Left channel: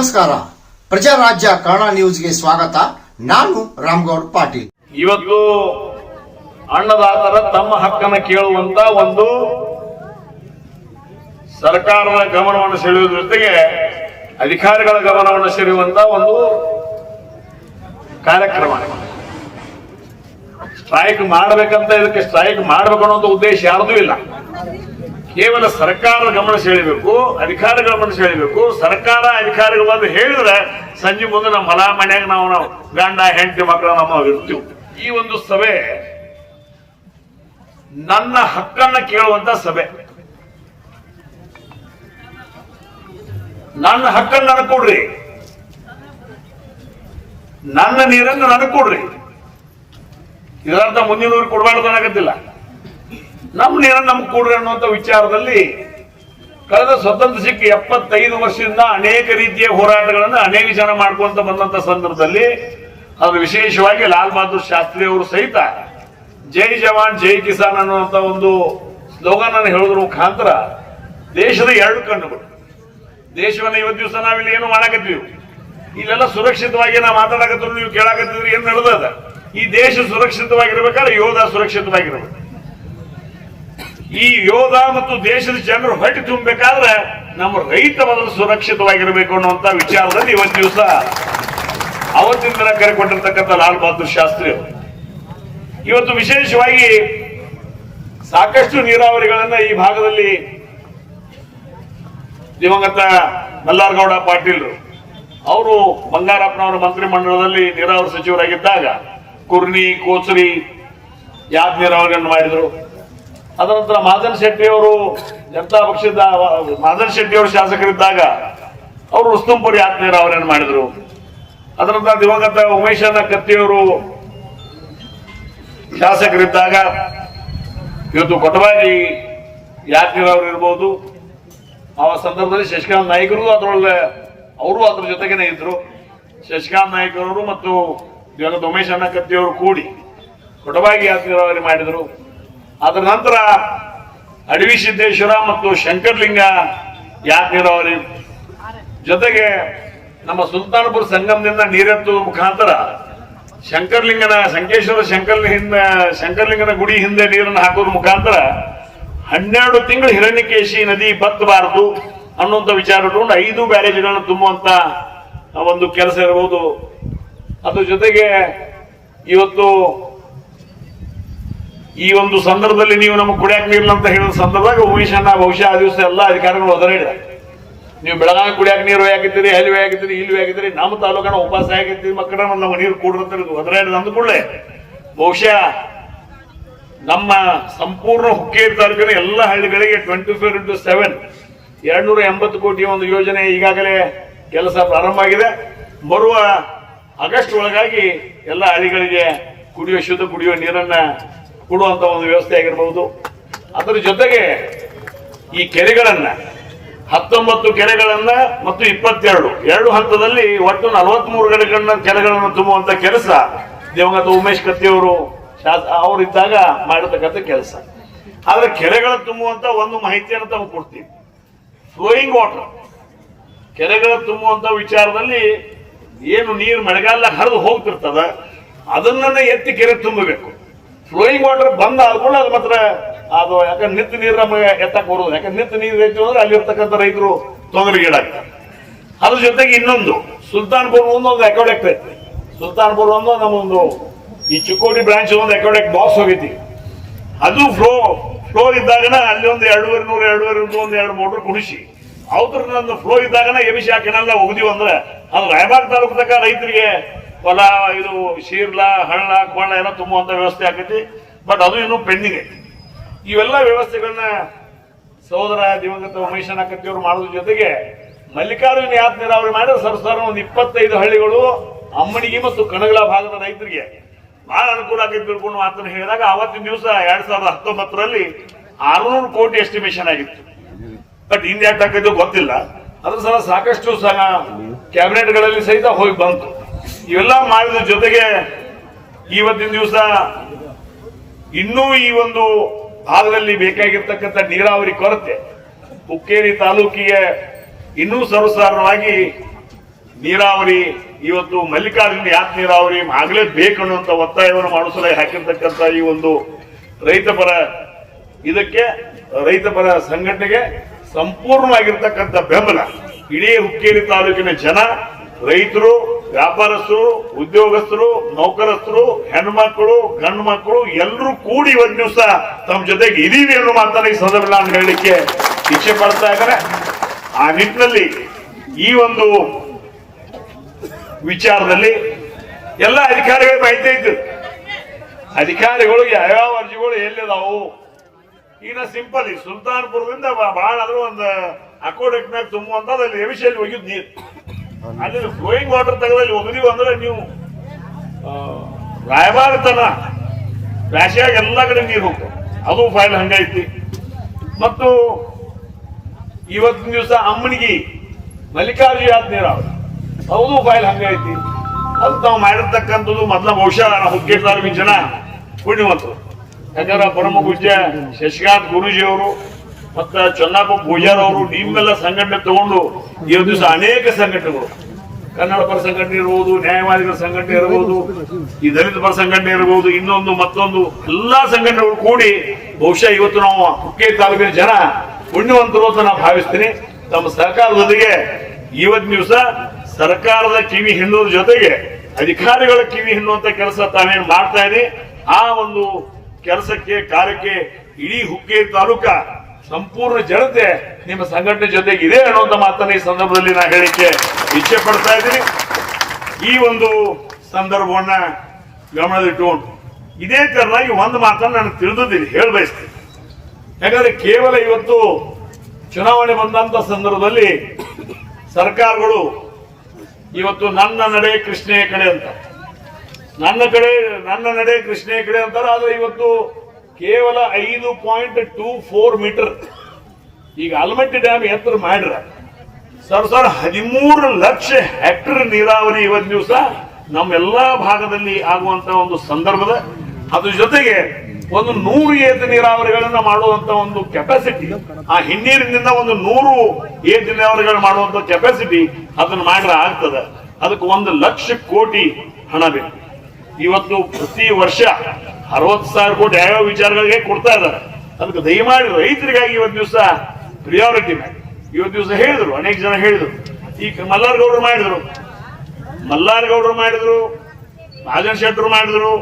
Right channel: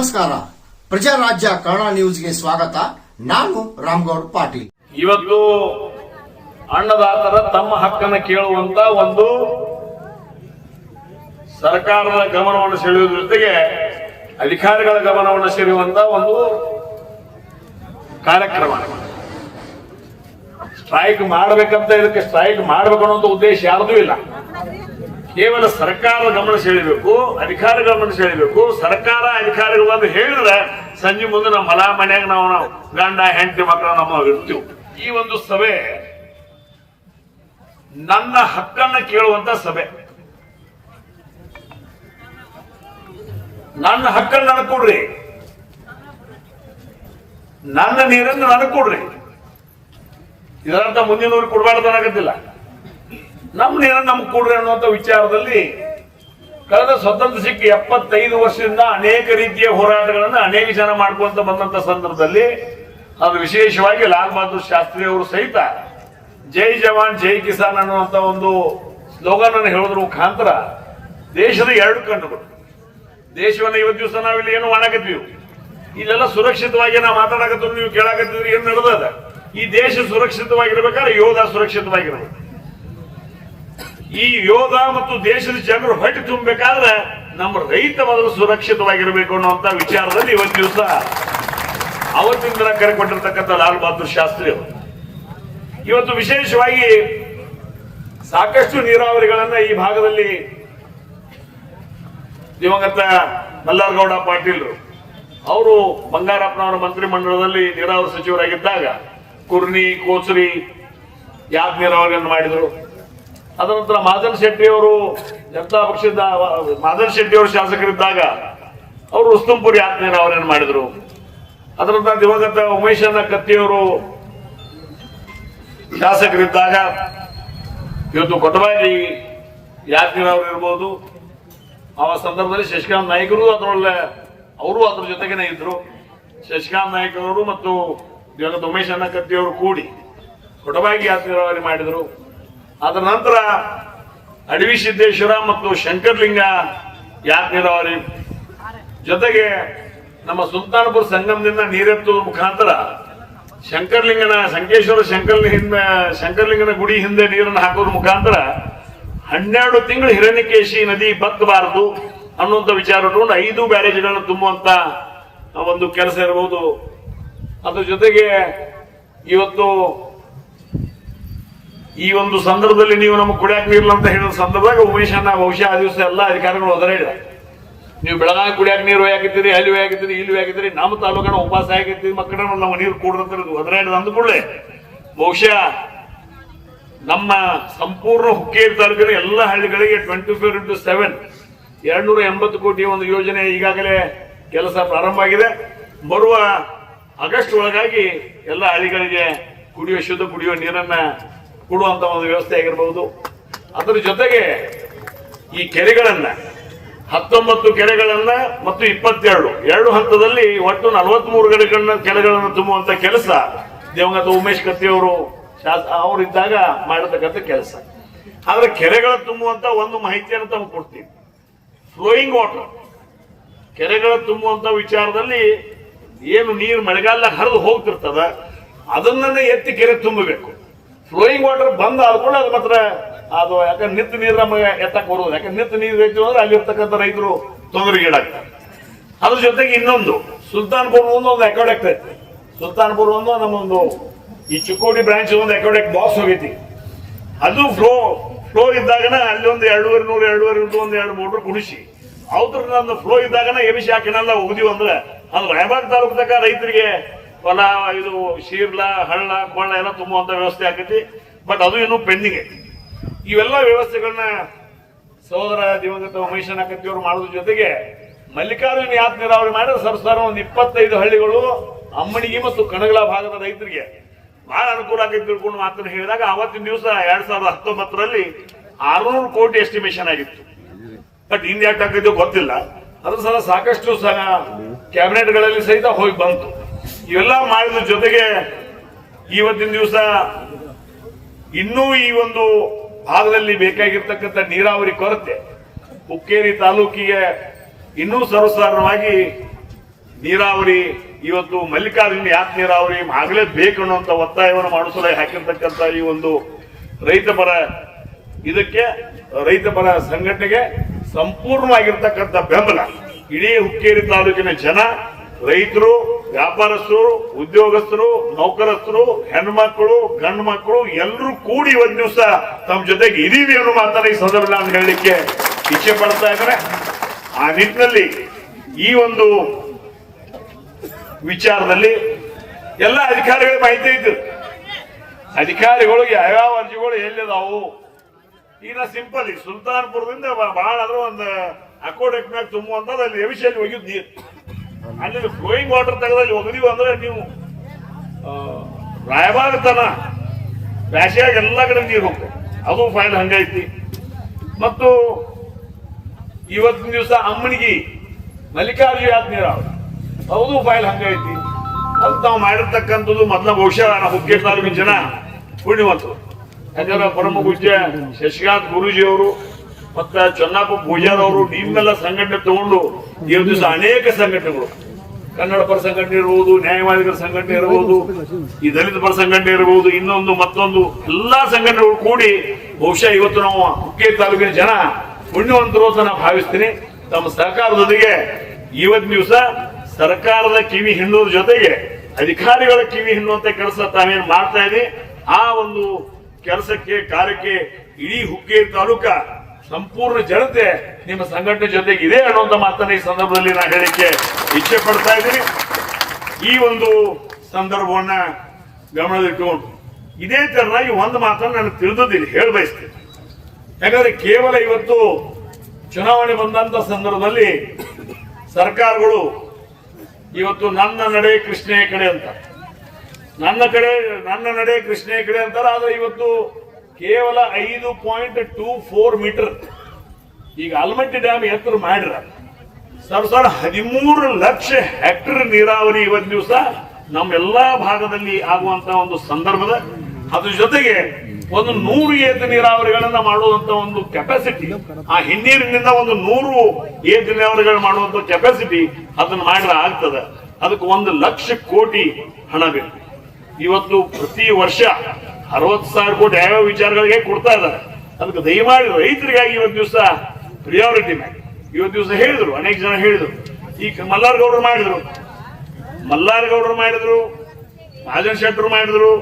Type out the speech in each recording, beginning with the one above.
ನಮಸ್ಕಾರ. ಪ್ರಜಾರಾಜ್ಯ ಕನ್ನಡ ನ್ಯೂಸ್ಗೆ ಸ್ವಾಗತ. ನಾನು ರಾಮಗೌಡ ಪಾಟೀಲ್. ಇವತ್ತು ಅನ್ನದಾತರ ತಮ್ಮ ಹಕ್ಕನ್ನು ಕೇಳುವಂತ ಒಂದು ಸರ್ಕಾರದ ಗಮನವನ್ನು ಸೆಳೆಯುವ ಜೊತೆಗೆ ಅಧಿಕಾರಿಗಳ ಗಮನವನ್ನು ಸೆಳೆಯುವಂತ ಒಂದು ಕಾರ್ಯಕ್ರಮ. ಸ್ಟ್ರೈಕ್ ಮಾಡಬೇಕಂತ ಇದಕ್ಕೆ ಸ್ಟ್ರೈಕ್ ಮಾಡಬೇಕು ಅನ್ನೋ ಉದ್ದೇಶ ಯಾವುದೂ ಇಲ್ಲ. ಕೇವಲ ಸರ್ಕಾರ ಗಮನ ಸೆಳೆಯಬೇಕು, ಅಧಿಕಾರಿಗಳ ಗಮನ ಸೆಳೆಯಬೇಕು. ಸರ್ಕಾರ ಅಧಿಕಾರಿಗಳು ಹೇಳಿದ್ರೆ ಸಂಜೆ ಮುಂದೆ ನಮ್ಮ ಹೊಲ ಮನೆಯಾಗ ನಾವು ಗಂಡ ಹೆಂಡತಿ ಮಕ್ಕಳು ನಮ್ಮ ಇರ್ತೀವಿ. ಈ ಒಂದು ಸಭೆ ನನ್ನ ಹಕ್ಕನ್ನ ಕೇಳುವಂತ ಸಭೆ. ನನ್ನ ಹಕ್ಕನ್ನು ನನಗೆ ಕೊಡ್ರಿ, ನನ್ನ ನೀರನ್ನು ನನಗೆ ಕೊಡ್ರಿ. ಇದರರ್ಥ ಮುಂದಿನವ್ರಿಗೆ ಕೊಡಬಾರ್ದು ಅನ್ನೋದಿಲ್ಲ. ನಮ್ಮ ನೀರನ್ನು ನಮ್ಗೆ ಕೊಡ್ರಿ ಅನ್ನುವಂಥ ವಿಚಾರದಲ್ಲಿ ಕಳೆದ ಸ್ವತಂತ್ರ ಸಿಕ್ಕಿ 75 ವರ್ಷದಿಂದ ಅನೇಕ ರೀತಿಯ ಹೋರಾಟಗಳನ್ನು ಅನೇಕ ಜನ ಮಾಡ್ಕೊಂತ ಬಂದಂತ ಸಂದರ್ಭದಲ್ಲಿ ಅದು ವಿಶೇಷವಾಗಿ ಲಾಲ್ ಬಹದ್ದೂರ್ ಶಾಸ್ತ್ರಿ ಅವರು ಸಹಿತ ಜೈ ಜವಾನ್ ಜೈ ಕಿಸಾನ್ ಅನ್ನುವಂತ ಒಂದು ಸ್ಲೋಗನ್ ಅನ್ನು ಹೇಳೋದ್ರ ಮುಖಾಂತರ ದೇಶದ 2 ಕಣ್ಣುಗಳು, ದೇಶವನ್ನ ಇವತ್ತು ದಿವಸ ನಾವಿಲ್ಲಿ ಏನು ಮಾಡಾಕತ್ತೀವಿ, ಇಲ್ಲೆಲ್ಲ ಸುರಕ್ಷಿತವಾಗಿ ನಾವು ಮಾತಾಡಕತ್ತೀವಿ, ನೀವು ಕೇಳಾಕತ್ತಿದ್ರೆ ಏನ್ ನಡೆದ. ಈ ದೇಶ ಸುರಕ್ಷಿತವಾಗಿರ್ಬೇಕಾದ್ರೆ ಯೋಧ ಸುರಕ್ಷಿತವಾಗಿರ್ಬೇಕು. ಈ ಯೋಧ ಮತ್ತು ದೇಶದ ಜನರು ಹೊಟ್ಟೆ ತುಂಬಬೇಕಾದ್ರೆ ನಮ್ಮ ರೈತ ಮೊದಲು ಸುರಕ್ಷಿತವಾಗಿರಬೇಕು ಅನ್ನುವಂತ ವಿಚಾರದಲ್ಲಿ ಇವತ್ತು ದಿವಸ ಅವತ್ತಿನ ದಿನ ಕರೆ ಕೊಟ್ಟಿರ್ತಕ್ಕಂಥ ಲಾಲ್ ಬಹದ್ದೂರ್ ಶಾಸ್ತ್ರಿ ಅವರು ಇವತ್ತು ವಿಶೇಷವಾಗಿ ಸಾಕಷ್ಟು ನೀರಾವರಿಗಳನ್ನ ಈ ಭಾಗದಲ್ಲಿ ದಿವಂಗತ ಮಲ್ಲಾರಗೌಡ ಪಾಟೀಲ್ ಅವರು ಬಂಗಾರಪ್ಪನವರ ಮಂತ್ರಿಮಂಡಲದಲ್ಲಿ ನೀರಾವರಿ ಸಚಿವರಾಗಿದ್ದಾಗ ಕುರ್ನಿ, ಕೋಚರಿ, ಯಾದ್ ನೀರಾವರಿಯನ್ನು ಮಾಡಿದರು. ಅದರ ನಂತರ ಮಾದನ್ ಶೆಟ್ಟಿ ಅವರು ಜನತಾ ಪಕ್ಷದ ಮಾದನ್ ಶೆಟ್ಟಿ ಅವರು ಶಾಸಕರಿದ್ದಾಗ ಅವರು ಉಸ್ತುಂಪುರಿ ಯಾದ್ ನೀರಾವರಿಯನ್ನು ಮಾಡಿದರು. ಅದರ ನಂತರ ದಿವಂಗತ ಉಮೇಶನ ಕತ್ತಿಯವರು ಶಾಸಕರಿದ್ದಾಗ ಇವತ್ತು ಕೊಟಬಾಜಿ ಯಾದ್ ನೀರಾವರಿ ಇರ್ಬೋದು. ಆ ಸಂದರ್ಭದಲ್ಲಿ ಶಶಿಕಾಂತ್ ನಾಯ್ಕರು ಅದರೊಳಗೆ ಅವರು ಅದ್ರ ಜೊತೆಗೇನೆ ಇದ್ರು. ಶಶಿಕಾಂತ್ ನಾಯ್ಕರವರು ಮತ್ತು ದಿವಂಗತ ಉಮೇಶ್ ಅಣ್ಣ ಕತ್ತಿಯವರು ಕೂಡಿ ಕೊಟಬಾಗಿ ಯಾದ್ ನೀರಾವರಿ ಮಾಡಿದರು. ಅದರ ನಂತರ ಅಡವಿ ಸಿದ್ದೇಶ್ವರ ಮತ್ತು ಶಂಕರ್ಲಿಂಗ ಯಾದ್ ನೀರಾವರಿ ಜೊತೆಗೆ ನಮ್ಮ ಸುಲ್ತಾನಪುರ ಸಂಗಮದಿಂದ ನೀರೆತ್ತುವ ಮುಖಾಂತರ ಶಂಕರ್ಲಿಂಗನ ಗುಡಿ ಹಿಂದೆ ನೀರನ್ನು ಹಾಕೋದ್ರ ಮುಖಾಂತರ 12 ತಿಂಗಳು ಹಿರಣ್ಯಕೇಶಿ ನದಿ ಬತ್ತಬಾರದು ಅನ್ನುವಂಥ ವಿಚಾರ ಇಟ್ಕೊಂಡು 5 ಬ್ಯಾರೇಜ್ಗಳನ್ನು ತುಂಬುವಂತ ಒಂದು ಕೆಲಸ ಇರಬಹುದು. ಅದ್ರ ಜೊತೆಗೆ ಇವತ್ತು ಈ ಒಂದು ಸಂದರ್ಭದಲ್ಲಿ ನೀವು ನಮಗೆ ಕುಡಿಯಾಕ ನೀರಿಲ್ಲ ಅಂತ ಹೇಳಿದ ಸಂದರ್ಭದಾಗ ಉಮೇಶ್ ಅಣ್ಣ ಬಹುಶಃ ಆ ದಿವಸ ಎಲ್ಲ ಅಧಿಕಾರಿಗಳು ಒದರಾಡಿದ, ನೀವು ಬೆಳಗಾವಿ ಕುಡಿಯಾಕ ನೀರು ಹಾಕಿದ್ದೀರಿ, ಅಲ್ಲಿ ಹಾಕಿದ್ದೀರಿ, ಇಲ್ಲಿ ಹಾಕಿದ್ದೀರಿ, ನಮ್ಮ ತಾಲೂಕನ ಉಪವಾಸ ಆಗಿರ್ತೀವಿ, ಮಕ್ಕಳ ನಮ್ಮ ನೀರು ಕೂಡ್ರಂತ ಒದರಾಡಿದ ಅಂದ್ಕೊಳ್ಳೆ ಬಹುಶಃ ನಮ್ಮ ಸಂಪೂರ್ಣ ಹುಕ್ಕೇರಿ ತಾಲೂಕಿನ ಎಲ್ಲ ಹಳ್ಳಿಗಳಿಗೆ 24x7 280 ಕೋಟಿ ಒಂದು ಯೋಜನೆ ಈಗಾಗಲೇ ಕೆಲಸ ಪ್ರಾರಂಭ ಆಗಿದೆ. ಬರುವ ಆಗಸ್ಟ್ ಒಳಗಾಗಿ ಎಲ್ಲ ಹಳ್ಳಿಗಳಿಗೆ ಶುದ್ಧ ಕುಡಿಯುವ ನೀರನ್ನ ಕೊಡುವಂತ ಒಂದು ವ್ಯವಸ್ಥೆ ಆಗಿರಬಹುದು. ಅದರ ಜೊತೆಗೆ ಈ ಕೆರೆಗಳನ್ನ 19 ಕೆರೆಗಳನ್ನ ಮತ್ತು 22 ಹಂತದಲ್ಲಿ ಒಟ್ಟು 43 ಕೆರೆಗಳನ್ನು ತುಂಬುವಂತ ಕೆಲಸ ದಿವಂಗತ ಉಮೇಶ್ ಕತ್ತಿಯವರು ಅವರಿದ್ದಾಗ ಮಾಡಿರ್ತಕ್ಕಂಥ ಕೆಲಸ. ಆದ್ರೆ ಕೆರೆಗಳ ತುಂಬುವಂತ ಒಂದು ಮಾಹಿತಿಯನ್ನು ತಾವು ಕೊಡ್ತೀವಿ. ಫ್ಲೋಯಿಂಗ್ ವಾಟರ್ ಕೆರೆಗಳ ತುಂಬುವಂತ ವಿಚಾರದಲ್ಲಿ ಏನು ನೀರು ಮಳೆಗಾಲ ಹರಿದು ಹೋಗ್ತಿರ್ತದ ಅದನ್ನೇ ಎತ್ತಿ ಕೆರೆ ತುಂಬಬೇಕು. ಫ್ಲೋಯಿಂಗ್ ವಾಟರ್ ಬಂದ್ ಆದ್ಕೊಂಡು ಅದು ಮಾತ್ರ ಅದು ಯಾಕಂದ್ರೆ ನಿತ್ಯ ನೀರು ನಮಗೆ ಎತ್ತಕ್ಕೆ ಬರೋದು. ಯಾಕಂದ್ರೆ ನಿತ್ಯ ನೀರು ಐತಿ ಅಂದ್ರೆ ಅಲ್ಲಿರ್ತಕ್ಕಂಥ ರೈತರು ತೊಂದರೆಗೀಡಾಗ್ತಾರೆ. ಅದ್ರ ಜೊತೆಗೆ ಇನ್ನೊಂದು ಸುಲ್ತಾನ್ಪುರ ಒಂದು ಎಕಾಡೆಕ್ಟ್ ಐತಿ. ಸುಲ್ತಾನ್ಪುರ ಒಂದು ನಮ್ಮೊಂದು ಈ ಚಿಕ್ಕೋಡಿ ಬ್ರಾಂಚ್ ಒಂದು ಎಕಾಡೆಕ್ಟ್ ಬಾಕ್ಸ್ ಹೋಗೈತಿ. ಅದು ಫ್ಲೋ ಇದ್ದಾಗನ ಅಲ್ಲಿ ಒಂದು 2.5 ಮೋಟರ್ ಕುಣಿಸಿ ಅವ್ರ ನನ್ನ ಫ್ಲೋ ಇದ್ದಾಗನ ಎಬಿಸಿ ಹಾಕಿನೆಲ್ಲ ಒಗದಿವಿ ಅಂದ್ರೆ ಅದು ರಾಯಬಾಗ್ ತಾಲೂಕು ತನಕ ರೈತರಿಗೆ ಹೊಲ ಇದು ಶೀರ್ಲ ಹಳ್ಳ ಕೊಳ್ಳ ಎಲ್ಲ ತುಂಬುವಂತ ವ್ಯವಸ್ಥೆ ಆಕೈತಿ. ಬಟ್ ಅದು ಇನ್ನೂ ಪೆಂಡಿಂಗ್ ಐತಿ. ಇವೆಲ್ಲ ವ್ಯವಸ್ಥೆಗಳನ್ನ ಸಹೋದರ ದಿವಂಗತ ಉಮೇಶನ ಕತ್ತಿಯವರು ಮಾಡೋದ್ರ ಜೊತೆಗೆ ಮಲ್ಲಿಕಾರ್ಜುನ ಯಾದ್ ನೀರಾವರಿ ಮಾಡಿದ್ರೆ ಸರ್ಕಾರ ಒಂದು 25 ಹಳ್ಳಿಗಳು ಅಮ್ಮನಿಗೆ ಮತ್ತು ಕಣಗಳ ಭಾಗದ ರೈತರಿಗೆ ಬಹಳ ಅನುಕೂಲ ಆಗೈತಿ ತಿಳ್ಕೊಂಡು ಮಾತನ್ನು ಹೇಳಿದಾಗ ಅವತ್ತಿನ ದಿವಸ 2019ರಲ್ಲಿ 600 ಕೋಟಿ ಎಸ್ಟಿಮೇಷನ್ ಆಗಿತ್ತು. ಬಟ್ ಹಿಂದೆ ಯಾಕಾಗಿದ್ದು ಗೊತ್ತಿಲ್ಲ. ಅದ್ರ ಸಹ ಸಾಕಷ್ಟು ಸಹ ಕ್ಯಾಬಿನೆಟ್ ಗಳಲ್ಲಿ ಸಹಿತ ಹೋಗಿ ಬಂತು. ಇವೆಲ್ಲ ಮಾಡಿದ ಜೊತೆಗೆ ಇವತ್ತಿನ ದಿವಸ ಇನ್ನೂ ಈ ಒಂದು ಭಾಗದಲ್ಲಿ ಬೇಕಾಗಿರ್ತಕ್ಕಂಥ ನೀರಾವರಿ ಕೊರತೆ ಹುಕ್ಕೇರಿ ತಾಲೂಕಿಗೆ ಇನ್ನೂ ಸರ್ವಸಾಧಾರಣವಾಗಿ ನೀರಾವರಿ ಇವತ್ತು ಮಲ್ಲಿಕಾರ್ಜುನ ಯಾಕೆ ನೀರಾವರಿ ಆಗಲೇಬೇಕು ಅನ್ನುವಂತ ಒತ್ತಾಯವನ್ನು ಮಾಡಿಸಲು ಹಾಕಿರ್ತಕ್ಕಂಥ ಈ ಒಂದು ರೈತಪರ ಇದಕ್ಕೆ ರೈತಪರ ಸಂಘಟನೆಗೆ ಸಂಪೂರ್ಣವಾಗಿರ್ತಕ್ಕಂಥ ಬೆಂಬಲ ಇಡೀ ಹುಕ್ಕೇರಿ ತಾಲೂಕಿನ ಜನ, ರೈತರು, ವ್ಯಾಪಾರಸ್ಥರು, ಉದ್ಯೋಗಸ್ಥರು, ನೌಕರಸ್ಥರು, ಹೆಣ್ಮಕ್ಳು, ಗಂಡು ಮಕ್ಕಳು ಎಲ್ಲರೂ ಕೂಡಿ ಒಂದು ದಿವಸ ತಮ್ಮ ಜೊತೆಗೆ ಇದೀವಿ ಅನ್ನೋ ಮಾತನ್ನ ಈ ಸಂದರ್ಭ ನಾನು ಹೇಳಲಿಕ್ಕೆ ಇಚ್ಛೆ ಪಡ್ತಾ ಇದ್ದಾರೆ. ಆ ನಿಟ್ಟಿನಲ್ಲಿ ಈ ಒಂದು ವಿಚಾರದಲ್ಲಿ ಎಲ್ಲ ಅಧಿಕಾರಿಗಳ ಮಾಹಿತಿ ಇತ್ತು. ಅಧಿಕಾರಿಗಳು ಯಾವ್ಯಾವ ಅರ್ಜಿಗಳು ಎಲ್ಲಿದಾವು ಈಗ ಸಿಂಪಲ್ ಈ ಸುಲ್ತಾನ್ಪುರದಿಂದ ಬಹಳ ಅಂದ್ರೆ ಒಂದು ಅಕೋಡಕ್ ಮ್ಯಾಗ ತುಂಬುವಂತದ್ದು ಅಲ್ಲಿ ಎವಿಷಲ್ಲಿ ಹೋಗಿದ್ ನೀರು ಅಲ್ಲಿ ಫ್ಲೋಯಿಂಗ್ ವಾಟರ್ ತೆಗೆದಲ್ಲಿ ಹೋಗಿದೀವಿ ಅಂದ್ರೆ ನೀವು ರಾಯಬಾಗ ತನ ಬ್ಯಾಸಿಯಾಗ ಎಲ್ಲಾ ಕಡೆ ನೀರು ಹೋಗ್ತದೆ. ಅದು ಫೈಲ್ ಹಂಗೈತಿ. ಮತ್ತು ಇವತ್ತಿನ ದಿವಸ ಅಮ್ಮನಿಗೆ ಮಲ್ಲಿಕಾರ್ಜುನ ನೀರಾವರಿ ಹೌದು ಫೈಲ್ ಹಂಗೈತಿ. ಅದು ನಾವು ಮಾಡಿರ್ತಕ್ಕಂಥದ್ದು ಮೊದಲ ಬಹುಶಃ ನಾವು ಹುಕ್ಕೇರಿ ತಾಲೂಕಿನ ಜನ ಪುಣ್ಯವಂತರು. ಯಾಕಂದ್ರೆ ಪರಮ ಪೂಜ್ಯ ಶಶಿಕಾಂತ್ ಗುರೂಜಿಯವರು ಮತ್ತ ಚನ್ನಪ್ಪ ಪೂಜಾರ್ ಅವರು ನಿಮ್ಮೆಲ್ಲ ಸಂಘಟನೆ ತಗೊಂಡು ಈ ದಿವಸ ಅನೇಕ ಸಂಘಟನೆಗಳು, ಕನ್ನಡ ಪರ ಸಂಘಟನೆ ಇರಬಹುದು, ನ್ಯಾಯವಾದಿಗಳ ಸಂಘಟನೆ ಇರಬಹುದು, ಈ ದಲಿತ ಪರ ಸಂಘಟನೆ ಇರಬಹುದು, ಇನ್ನೊಂದು ಮತ್ತೊಂದು ಎಲ್ಲಾ ಸಂಘಟನೆಗಳು ಕೂಡಿ ಬಹುಶಃ ಇವತ್ತು ನಾವು ಹುಕ್ಕೇರಿ ತಾಲೂಕಿನ ಜನ ಪುಣ್ಯವಂತರು ಅಂತ ನಾವು ಭಾವಿಸ್ತೀನಿ. ತಮ್ಮ ಸರ್ಕಾರದೊಂದಿಗೆ ಇವತ್ತಿನ ದಿವಸ ಸರ್ಕಾರದ ಕಿವಿ ಹಿಂಡುವುದ್ರ ಜೊತೆಗೆ ಅಧಿಕಾರಿಗಳ ಕಿವಿ ಹಿಂಡುವಂತ ಕೆಲಸ ತಾವೇನು ಮಾಡ್ತಾ ಇದ್ದೀವಿ. ಆ ಒಂದು ಕೆಲಸಕ್ಕೆ ಕಾರ್ಯಕ್ಕೆ ಇಡೀ ಹುಕ್ಕೇರಿ ತಾಲೂಕ ಸಂಪೂರ್ಣ ಜನತೆ ನಿಮ್ಮ ಸಂಘಟನೆ ಜೊತೆಗೆ ಇದೆ ಅನ್ನುವಂತ ಮಾತನ್ನ ಈ ಸಂದರ್ಭದಲ್ಲಿ ನಾನು ಹೇಳಿಕೆ ಇಚ್ಛೆ ಪಡ್ತಾ ಇದ್ದೀನಿ. ಈ ಒಂದು ಸಂದರ್ಭವನ್ನ ಗಮನದಲ್ಲಿಟ್ಟುಕೊಂಡು ಇದೇ ತರನಾಗಿ ಒಂದು ಮಾತನ್ನ ನನಗೆ ತಿಳಿದಿದ್ದೀನಿ, ಹೇಳ ಬಯಸ್ತೀನಿ. ಯಾಕಂದ್ರೆ ಕೇವಲ ಇವತ್ತು ಚುನಾವಣೆ ಬಂದಂತ ಸಂದರ್ಭದಲ್ಲಿ ಸರ್ಕಾರಗಳು ಇವತ್ತು ನನ್ನ ನಡೆ ಕೃಷ್ಣೆಯ ಕಡೆ ಅಂತ, ನನ್ನ ನಡೆ ಕೃಷ್ಣೆಯ ಕಡೆ ಅಂತಾರೆ. ಆದ್ರೆ ಇವತ್ತು ಕೇವಲ 5.24 ಮೀಟರ್ ಈಗ ಆಲಮಟ್ಟಿ ಡ್ಯಾಮ್ ಎತ್ತರ ಮಾಡ್ರ ಸರ್ 13 ಲಕ್ಷ ಹೆಕ್ಟರ್ ನೀರಾವರಿ ಇವತ್ತು ದಿವಸ ನಮ್ಮೆಲ್ಲಾ ಭಾಗದಲ್ಲಿ ಆಗುವಂತ ಒಂದು ಸಂದರ್ಭದ ಅದ್ರ ಜೊತೆಗೆ ಒಂದು 100 ಏತ ನೀರಾವರಿಗಳನ್ನ ಮಾಡುವಂತ ಒಂದು ಕೆಪಾಸಿಟಿ, ಆ ಹಿನ್ನೀರಿನಿಂದ ಒಂದು 100 ಏತ ನೀರಾವರಿಗಳು ಮಾಡುವಂತ ಕೆಪಾಸಿಟಿ ಅದನ್ನ ಮಾಡ್ರೆ ಆಗ್ತದೆ. ಅದಕ್ಕೆ 1 ಲಕ್ಷ ಕೋಟಿ ಹಣ ಬೇಕು. ಇವತ್ತು ಪ್ರತಿ ವರ್ಷ 60,000 ಕೋಟಿ ಯಾವ್ಯಾವ ವಿಚಾರಗಳಿಗೆ ಕೊಡ್ತಾ ಇದ್ದಾರೆ. ಅದಕ್ಕೆ ದಯಮಾಡಿ ರೈತರಿಗಾಗಿ ಇವತ್ತು ದಿವಸ ಪ್ರಿಯಾರಿಟಿ ಮಾಡಿ. ಇವತ್ತು ದಿವಸ ಹೇಳಿದ್ರು, ಅನೇಕ ಜನ ಹೇಳಿದ್ರು. ಈಗ ಮಲ್ಲಾರ್ಗೌಡರು ಮಾಡಿದ್ರು, ರಾಜನ್ ಶೆಟ್ಟರು ಮಾಡಿದ್ರು,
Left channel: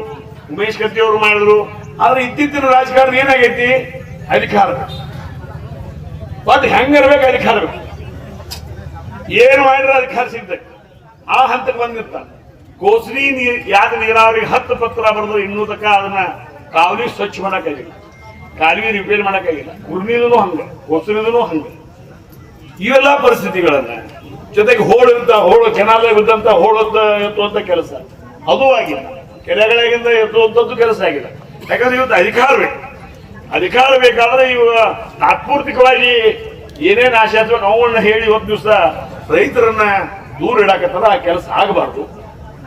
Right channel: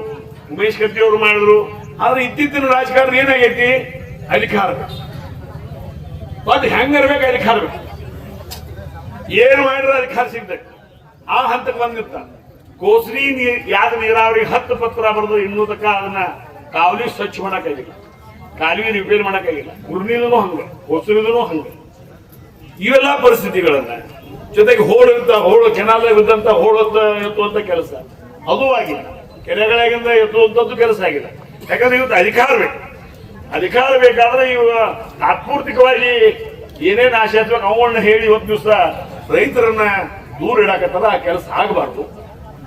ಉಮೇಶ್ ಕತ್ತಿ ಅವರು ಮಾಡಿದ್ರು. ಆದ್ರೆ ಇತ್ತೀಚಿನ ರಾಜಕಾರಣ ಏನಾಗೈತಿ? ಅಧಿಕಾರ ಮತ್ತೆ ಹೆಂಗಿರ್ಬೇಕು, ಅಧಿಕಾರ ಬೇಕು. ಏನು ಮಾಡಿದ್ರೆ ಅಧಿಕಾರ ಸಿಗ್ತದೆ. ಆ ಹಂತಕ್ಕೆ ಬಂದಿರ್ತಾರೆ. ಕೋಸ್ರಿ ಯಾದ ನೀರಾವರಿ 10 ಪತ್ರ ಬರೆದ್ರು ಇನ್ನೂ ತಕ್ಕ ಅದನ್ನ ಕಾವಲಿ ಸ್ವಚ್ಛ ಮಾಡಕ್ಕಾಗಿಲ್ಲ, ಕಾಲುವೆ ರಿಪೇರ್ ಮಾಡಕ್ಕಾಗಿಲ್ಲ. ಕುರ್ನಿಲೂ ಹಂಗೆ, ಕೋಸ್ರಿಲೂ ಹಂಗೆ. ಇವೆಲ್ಲ ಪರಿಸ್ಥಿತಿಗಳನ್ನ ಜೊತೆಗೆ ಹೋಳು ಕೆನಾಲಾಗ ಇದ್ದಂತ ಎತ್ತುವಂತ ಕೆಲಸ ಅದು ಆಗಿಲ್ಲ. ಕೆರೆಗಳಿಂದ ಎತ್ತುವಂತದ್ದು ಕೆಲಸ ಆಗಿಲ್ಲ. ಯಾಕಂದ್ರೆ ಇವತ್ತು ಅಧಿಕಾರ ಬೇಕಾದ್ರೆ ಇವ ತಾತ್ಪೂರ್ತಿಕವಾಗಿ ಏನೇನು ಆಶೆ ಆಗ್ಬೇಕು ಅವನ್ನ ಹೇಳಿ ಇವತ್ತು ದಿವಸ ರೈತರನ್ನ ದೂರ ಇಡಾಕತ್ತಾರ. ಆ ಕೆಲಸ ಆಗಬಾರ್ದು.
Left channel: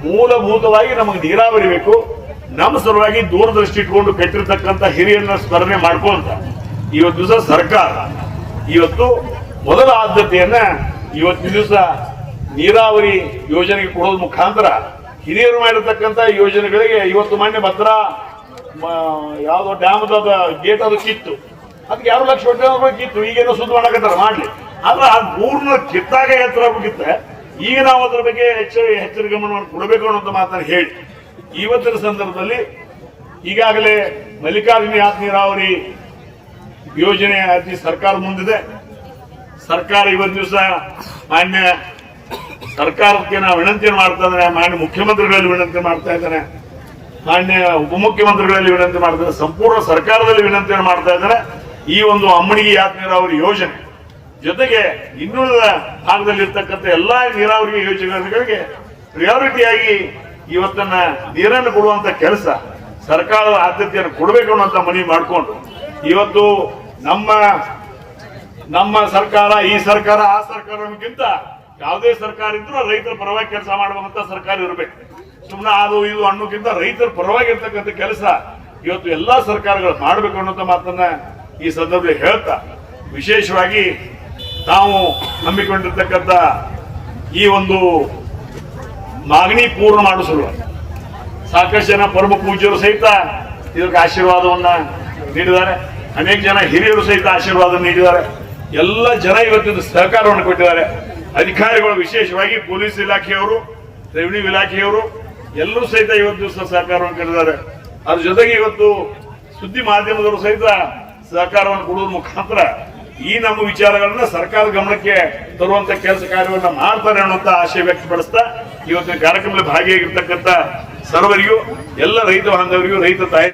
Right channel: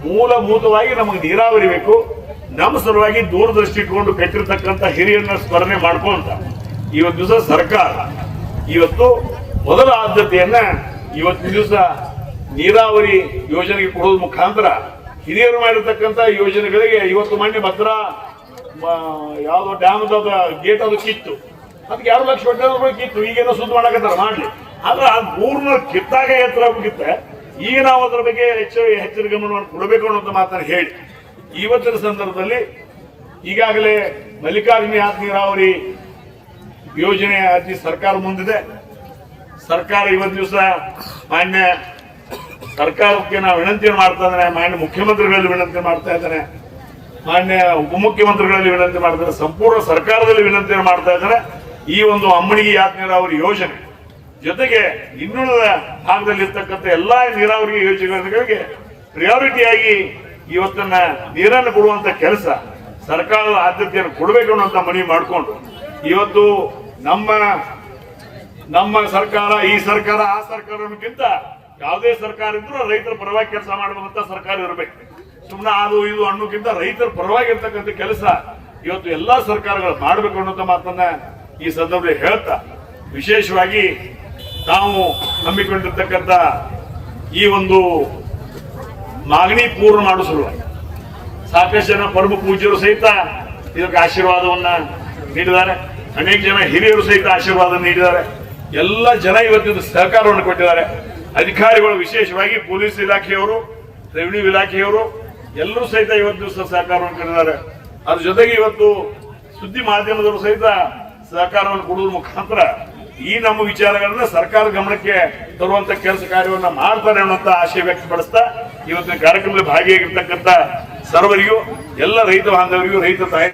ಮೂಲಭೂತವಾಗಿ ನಮಗೆ ನೀರಾವರಿ ಬೇಕು. ನಮ್ಮ ಸಲುವಾಗಿ ದೂರದೃಷ್ಟಿ ಇಟ್ಕೊಂಡು ಕಟ್ಟಿರ್ತಕ್ಕಂಥ ಹಿರಿಯರನ್ನ ಸ್ಮರಣೆ ಮಾಡ್ಕೊಂತ ಇವತ್ತು ದಿವಸ ಸರ್ಕಾರ ಇವತ್ತು ಮೊದಲ ಆದ್ಯತೆಯನ್ನ ಇವತ್ತಿನ ದಿವಸ ನೀರಾವರಿ ಯೋಜನೆಗೆ ಕೊಡೋದ್ ಮುಖಾಂತರ ಹಿರಿಯರು ಮಾಡಿರ್ತಕ್ಕಂಥ ಯೋಜನೆಗಳಿಗೆ ಇವತ್ತು ಮಾನ್ಯ ಭದ್ರ ಯಾವ್ದೋ ಡ್ಯಾಮ್ ಗೇಟ್ ಅದು ಕಿತ್ತು, ಅದಕ್ಕೆ 2 ಲಕ್ಷ ಕಿತ್ತು. ಈಗೇನೋ ಸುದ್ದಿ ಮಾಡಕತ್ತಾರ ಮಾಡ್ಲಿ. ಆದ್ರೆ ಆ ಮೂರ್ನ ಕಿತ್ತಾಗ ಎತ್ತರ ಹೋಗಿತ್ತೆ. ಈಗ ನಾವು ಅದರ ಬಗ್ಗೆ ಹೆಚ್ಚಿನ ಗಮನವನ್ನು ಕೊಡಬೇಕು ಅನ್ನೋಂಥ ಮಾತನ್ನು ಹೇಳಿ ಇವತ್ತಿನ ಸಂದರ್ಭದಲ್ಲಿ ಈಗಾಗಲೇ ಮಲ್ಲಿಕಾರ್ಜುನ ಯಾದ ನೀರಾವರಿ ಯೋಜನೆ ಅತಿ ಸರ್ಕಾರ ಮುಂದಿದೆ. ಸರ್ಕಾರ ಇವತ್ತು ದಿವಸ ಮಾನ್ಯ ಸರ್ಕಾರಕ್ಕೆ ನಾವು ವಿನಂತಿ ಮಾಡ್ತಾ ಇದ್ದೇನೆ, ಮಾನ್ಯ ಮುಖ್ಯಮಂತ್ರಿಗಳಲ್ಲಿ ವಿನಂತಿ ಮಾಡ್ತಾ ಇದ್ದೇನೆ, ಮಾನ್ಯ ಉಪಮುಖ್ಯಮಂತ್ರಿಗಳಲ್ಲಿ ವಿನಂತಿ ಮಾಡ್ತಾರೆ, ಸಂಪೂರ್ಣ ಸರ್ಕಾರದಲ್ಲಿ ವಿನಂತಿಯನ್ನು ಮಾಡ್ತಾ ಇದ್ದಾರೆ. ಈ ಒಂದು ಅಮ್ಮನಿಗೆ ಯಾದ ನೀರಾವರಿ ಯೋಜನೆ ಜೊತೆಗೆ ಇನ್ನುಳಿದ ಭಾಗದಲ್ಲಿ ಇರ್ತಕ್ಕಂಥ ಎಲ್ಲಾ ನೀರಾವರಿ ಯೋಜನೆಗಳಿಗೆ ಪ್ರಿಯಾರಿಟಿಯಾಗಿ ಇವತ್ತನ್ನ ನೀರನ್ನು ಕೊಡುವಂತ ಕೆಲಸ ಸರ್ಕಾರದ ಆದ್ಯತೆಯನ್ನು ಕೊಡಬೇಕು ಅನ್ನೋಂತ ಮನವಿ ಮಾಡಿಕೊಂಡು ಇವತ್ತು ನಮ್ಮ ಸರ್ಕಾರ, ಈ ಸರ್ಕಾರ, ಆ ಸರ್ಕಾರಕ್ಕಿಂತ ಯಾವುದೇ ಸರ್ಕಾರ ಇದ್ರೂ ರೈತರ ಪರವಾಗಿ ಕೆಲಸ ಮಾಡುವಂತ ಸರ್ಕಾರ ಇರಬೇಕು. ಸುಮ್ಮನೆ ಅದು ಇದು ಅನ್ನೋಕ್ಕಿಂತ ರೈತರ ಪರವಾಗಿರ್ತಕ್ಕಂಥ ಕೆಲಸ ಇವತ್ತು ಎಲ್ಲಾ ಸರ್ಕಾರಗಳು ಮಾಡಬೇಕು ಅನ್ನೋಂಥ ಮಾತನ್ನ ಈ ಸಂದರ್ಭದಲ್ಲಿ ಹೇಳ್ತಾ, ವಿಶೇಷವಾಗಿ ತಾವು ನಂಬಿಕೊಂಡಿರ್ತಕ್ಕಂಥ ಈ ಒಂದು ಮಾಗಣಿ ಪೂರ್ಣ ಮಾಡೋ ಸಲುವಾಗಿ ಸಾಕಷ್ಟು ಜನ ಪರಮ ಪೂಜ್ಯರು ಸಹಿತ ಇದಕ್ಕೆ ಆಶೀರ್ವಾದವನ್ನ ನೀಡಿದ್ದಾರೆ. ಅನೇಕ ಜನ ಹಿರಿಯರು ಸಹಿತ ಆಶೀರ್ವಾದ ನೀಡಿದ್ದಾರೆ. ಎಲ್ಲ ಜನ ಇವತ್ತಿನ ಸಹಕಾರವನ್ನು ಕೊಟ್ಟಿದ್ದಾರೆ. ಅಧಿಕಾರಿಗಳು, ವಿಶೇಷವಾಗಿ ಪೊಲೀಸ್ ಇಲಾಖೆಯವರು, ರೆವಿನ್ಯೂ ಇಲಾಖೆಯವರು ಎಲ್ಲರೂ ಸಹಿತ ಇವತ್ತು ದಿವಸ ಸಹಕಾರವನ್ನು ಕೊಟ್ಟಿದ್ದಾರೆ. ಅದ್ರ ಜೊತೆಗೆ ಇವತ್ತು ಸುದ್ದಿ ಮಾಧ್ಯಮದವರು ಸಹಿತ ಸಹಕಾರವನ್ನು ಕೊಡುವ ಮುಖಾಂತರ ಈ ನಮ್ಮ ವಿಚಾರಗಳನ್ನ ಸರ್ಕಾರದ ಗಮನಕ್ಕೆ ತರುವಂತ ಕೆಲಸ ಕಾರ್ಯವನ್ನ ಮಾಡ್ತಾರೆ ಅನ್ನುವಂತ ಆಶಯ ವ್ಯಕ್ತಪಡಿಸ್ತಾ ಇವತ್ತಿನ ಕಾರ್ಯಕ್ರಮದಲ್ಲಿ ಭಾಗಿಯಾಗಿರ್ತಕ್ಕಂಥ ಸರ್ವರಿಗೂ, ಎಲ್ಲ ರೈತ ಬಾಂಧವರಿಗೂ, ರೈತ ತಾಯಿ